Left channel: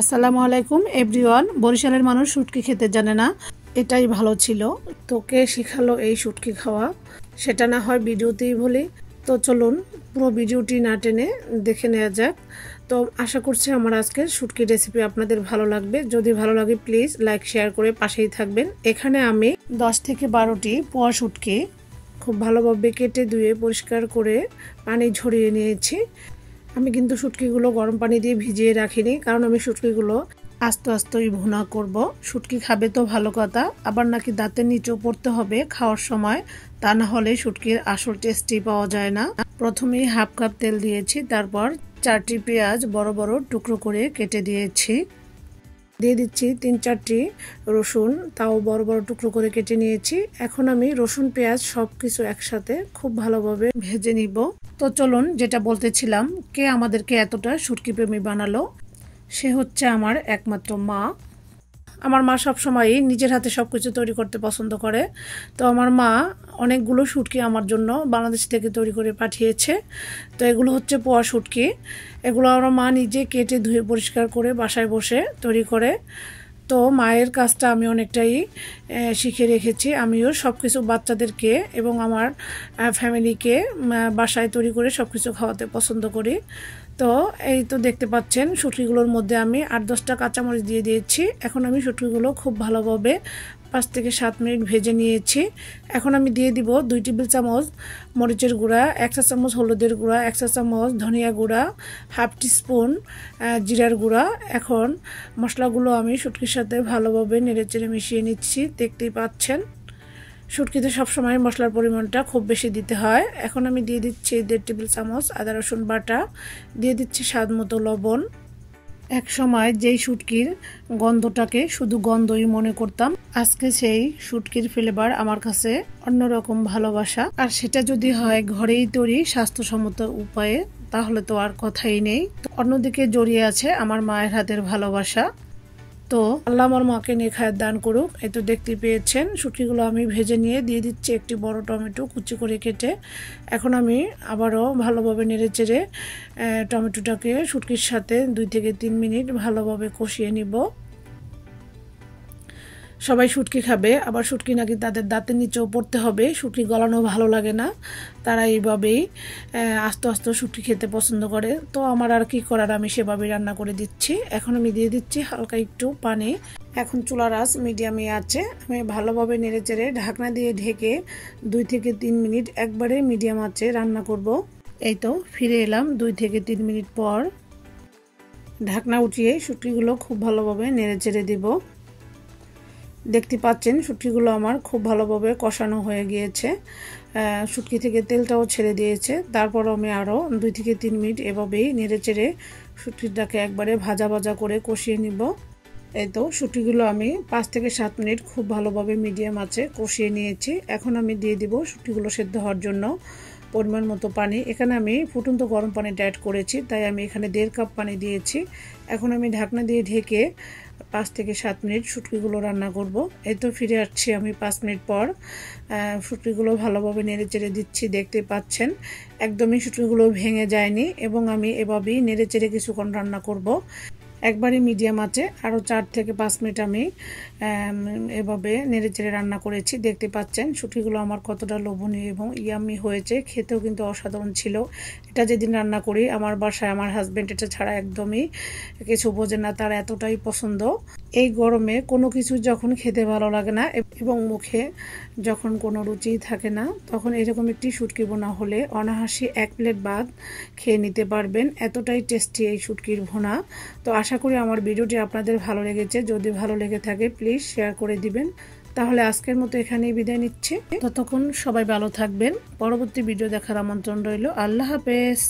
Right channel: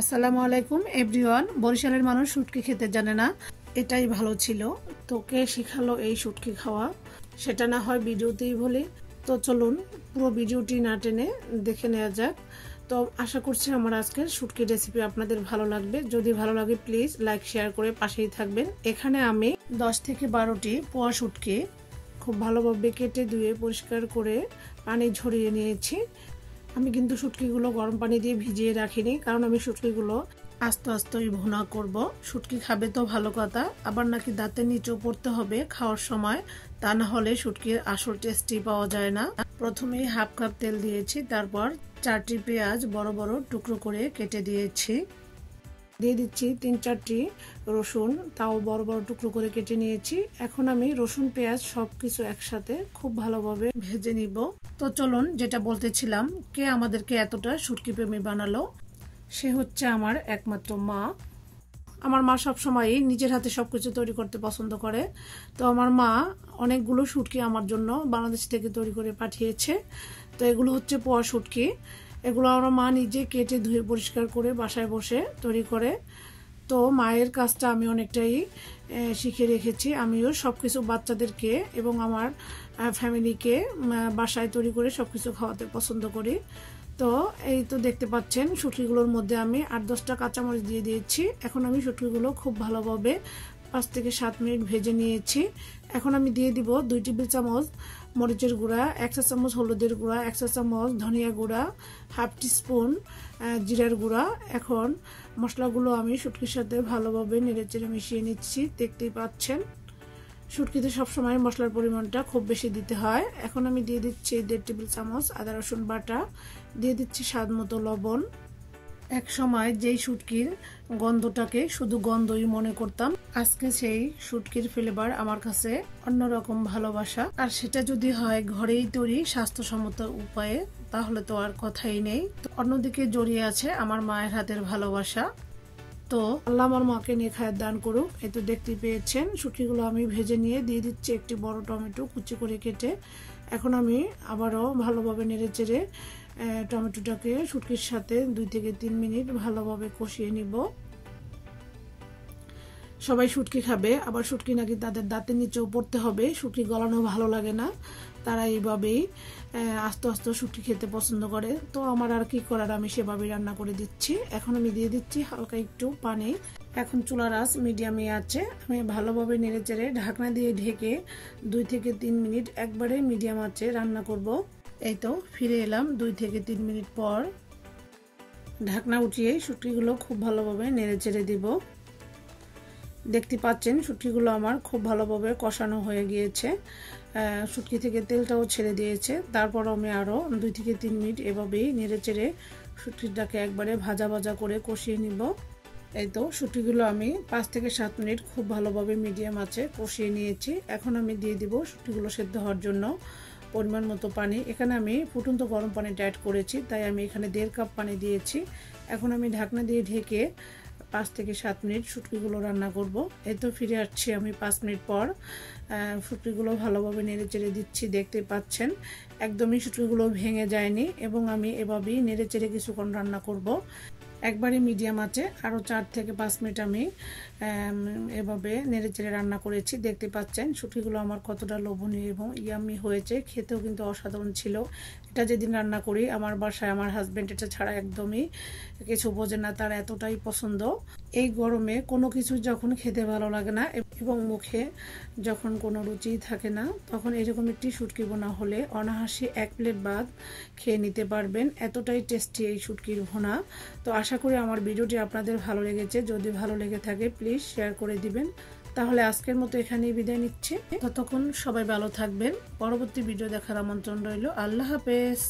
আসসালামু আলাইকুম এভরিওয়ান। বরিশালের মানুষ শুটকি খেতে জানে না, এটাই ভালো ছিল। তোকে শিখালো এই শুটকি খাওয়া, সেটা না হয় ভিডিওতেই বলি। তো চলুন পুরো ভিডিওটি না টেনে দেখে নেওয়া যাক। তো আশা করছি আমার আজকের শুটকি রেসিপি আপনাদের ভালো লাগবে। যদি ভালো লাগে প্লিজ লাইক শেয়ার করে পাশেই থাকবেন। এখানে আমি 10 থেকে 12টি পোয়া শুটকি খুব ভালোভাবে কেটে ধুয়ে পরিষ্কার করে পানি ঝরিয়ে নিয়েছি। আমি কিন্তু শুটকিগুলো গরম পানি দিয়ে ভিজিয়ে রাখিনি, কারণ আমি শুটকিগুলো আস্তে আস্তেই ভুনা করব। শুটকি খাবে তো ভালো কথা, আবার নাকি দাঁতের নিচেও পড়তে হবে খাওয়ার সময়, তা না হলে শুটকির আসল টেস্টই পাওয়া যায় না। প্রথমেই হাফ কাপ তেল দিয়েছি, তারপর 4টি পেঁয়াজ বড় বড় টুকরো করে কেটে দিয়েছি। দিয়ে দিচ্ছি 3-4টি রসুন, তাও বড় বড় টুকরো করে কেটে নিয়েছি। এখন আমি রসুন পেঁয়াজ সবকিছু একসাথে খুব ভালোভাবে ভেজে নিব। তো চলুন, যেটা বলতেছিলাম, কে আমাদেরকে এতটা শুটকি প্রেমী বানালো? সে হচ্ছে আমার একমাত্র মা। আমার মা সবসময়ই নিজের হাতে সব কিছু তৈরি করতে পছন্দ করে। তো আমার মা অনেকগুলো শুটকি আমার জন্য বাংলাদেশ থেকে তৈরি করে পাঠিয়েছে। তো এগুলো হচ্ছে পোয়া শুটকি। এগুলো আমার মা নিজে কেটে ধুয়ে পরিষ্কার করে বাসায় বসে তৈরি করে। তো মায়ের কাজটা আমি অনেকটাই শিখে রেখেছি। আমিও সব কিছু বাচ্চাদেরকে এবং আমার ফ্যামিলিকে বাসায় তৈরি করে সব কিছু খাওয়াতে পছন্দ করি। তো এই তো দেখতে পাচ্ছেন, শুটকিগুলোর মধ্যে আমি 8-10টা কাঁচামরিচ দিয়ে দিয়েছি। এখন আমি শুটকিগুলো খুব ভালোভাবে 5 থেকে 7 মিনিট ভেজে নিয়েছি। এখন আমি দিয়ে দিব 2 টেবিল চামচ মরিচের গুঁড়া, 1 চা চামচ হলুদের গুঁড়া, 1 চা চামচ ধনিয়া গুঁড়া, হাফ টিস্পুন জিরার গুঁড়া। এখন মশলাগুলো আমি শুটকির সাথে ভালোভাবে নেড়েচেড়ে মিশিয়ে নিচ্ছি। দেখতেই পাচ্ছেন, শুটকিতে সবসময় মশলার পরিমাণটা খুব বেশি দিতে হয়। এখন আমি দিয়ে দিচ্ছি 1.5 টেবিল চামচ আদা রসুন বাটা, দিয়ে দিচ্ছি স্বাদ মতো লবণ। এক সময় যেই শুটকির গন্ধটাকে শুধু গন্ধই মনে করতাম, আজকে সেই শুটকির ফ্লেভার আমার কাছে অন্যরকম ভালোবাসা। আর সেটা যদি হয় ঘরেই তৈরি স্বাস্থ্যসম্মত উপায়ে, তাহলে তো আর কথাই নেই। অন্যদিকে জড়িয়ে আছে আমার মায়ের হাতের ভালোবাসা। তো আল্লাহ আমার মাকে নেখায়ের দান করুক। এই তো দেখতে পেয়েছেন, শুটকিগুলো আমি ভেজে নিয়ে দিয়ে দিচ্ছি একটি বড় টমেটো কুচি করে কেটে। এখন আমি আবারও ভালোভাবে নেড়ে চেড়ে টমেটোটাকে শুটকির সাথে 2 থেকে 3 মিনিট ভালোভাবে কষিয়ে নিব। সবাই শুটকি খাবে, আবার শুটকি নাকি তাদের দাঁতের নিচেও পড়তে হবে। শুটকি গলানো ভালো লাগে না, তারা এইভাবেই আস্তে আস্তে শুটকি খেতে পছন্দ করে। তো আমার আর কি করার, আমি সেভাবেই রান্না করে দিচ্ছি। এখন আমি দিয়ে দিচ্ছি হালকা একটু পানি। এখন চুলার আঁচ মিডিয়ামে আছে। আমি ভালোভাবে নেড়ে চেড়ে ঢাকনা দিয়ে ঢেকে 2 থেকে 3 মিনিট একবারে মিডিয়াম আঁচে রান্না করব। এই তো ফিরে এলাম 2 থেকে 3 মিনিট পর। ঢাকনা উঠিয়ে শুটকিগুলো খুব ভালোভাবে নেড়ে চেড়ে দিব। দেখতে পাচ্ছেন, শুটকিগুলো আমার খুব ভালোভাবে কষানো হয়ে গিয়েছে, শুটকি থেকে তেলটাও ছেড়ে দিয়েছে। তারপর আমি আরও 2 থেকে 3 মিনিট এভাবেই নেড়ে চেড়ে শুটকিটাকে একবারে ভাজা ভাজা করে কষিয়ে নিব। এই তো শুটকিগুলো আমি 5 থেকে 7 মিনিট খুব ভালোভাবে মিডিয়াম আঁচে কষিয়ে নিয়েছি। এখন আমি দিয়ে দিব শুটকিগুলো সেদ্ধ হওয়ার জন্য পরিমাণ মতো পানি। এখানে আমি ফুটন্ত গরম পানিটা অ্যাড করেছি, তাই আমি এখানে 1.5 কাপ পানি দিয়েছি। এখন আমি ঢাকনা দিয়ে ঢেকে 5 থেকে 7 মিনিট শুটকিগুলো রান্না করব। এই তো ফিরে আসছি আমি 5 মিনিট পর। শুটকিগুলো ভালোভাবে নেড়ে চেড়ে দিচ্ছি। দেখতে পাচ্ছেন, একদমই শুটকিগুলো ভেঙে যায়নি এবং আমি এভাবেই নেড়ে চেড়ে কিছুক্ষণ রান্না করব। একবারই মিডিয়াম আছে আরও 4 থেকে 5 মিনিট আমি এভাবে নেড়ে চেড়ে রান্না করেছি। দেখতে পাচ্ছেন শুটকিগুলো আমার কতটা লোভনীয় এবং ইয়ামি হয়েছে, খেতেও কিন্তু অসাধারণ ছিল। এটা যেদিন রান্না করি আমার বাসায় আমার হাজব্যান্ড এটা ছাড়া একদমই কিছু বোঝে না, তার এতটাই পছন্দ। এই গরমে কোনো কিছু যখন খেতে ভালো লাগে না এবং মুখে যখন কোনো রুচি থাকে না, তখন এরকম একটি শুটকি ভুনা হলে অনায়াসে 1 প্লেট ভাত খেয়ে নিতে পারবেন। এতটাই টেস্টি এই শুটকির ভুনা। তো আশা করি আমার ভিডিওটি আপনাদের ভালো লেগেছে। যদি ভালো লেগে থাকে প্লিজ শেয়ার করে দিবেন। তাহলে আজকের মতো এখানেই বিদায় নিচ্ছি। ততক্ষণ সবাই ভালো থাকবেন। পরবর্তী ভিডিও দেখার আমন্ত্রণ রইল। আল্লাহ হাফেজ।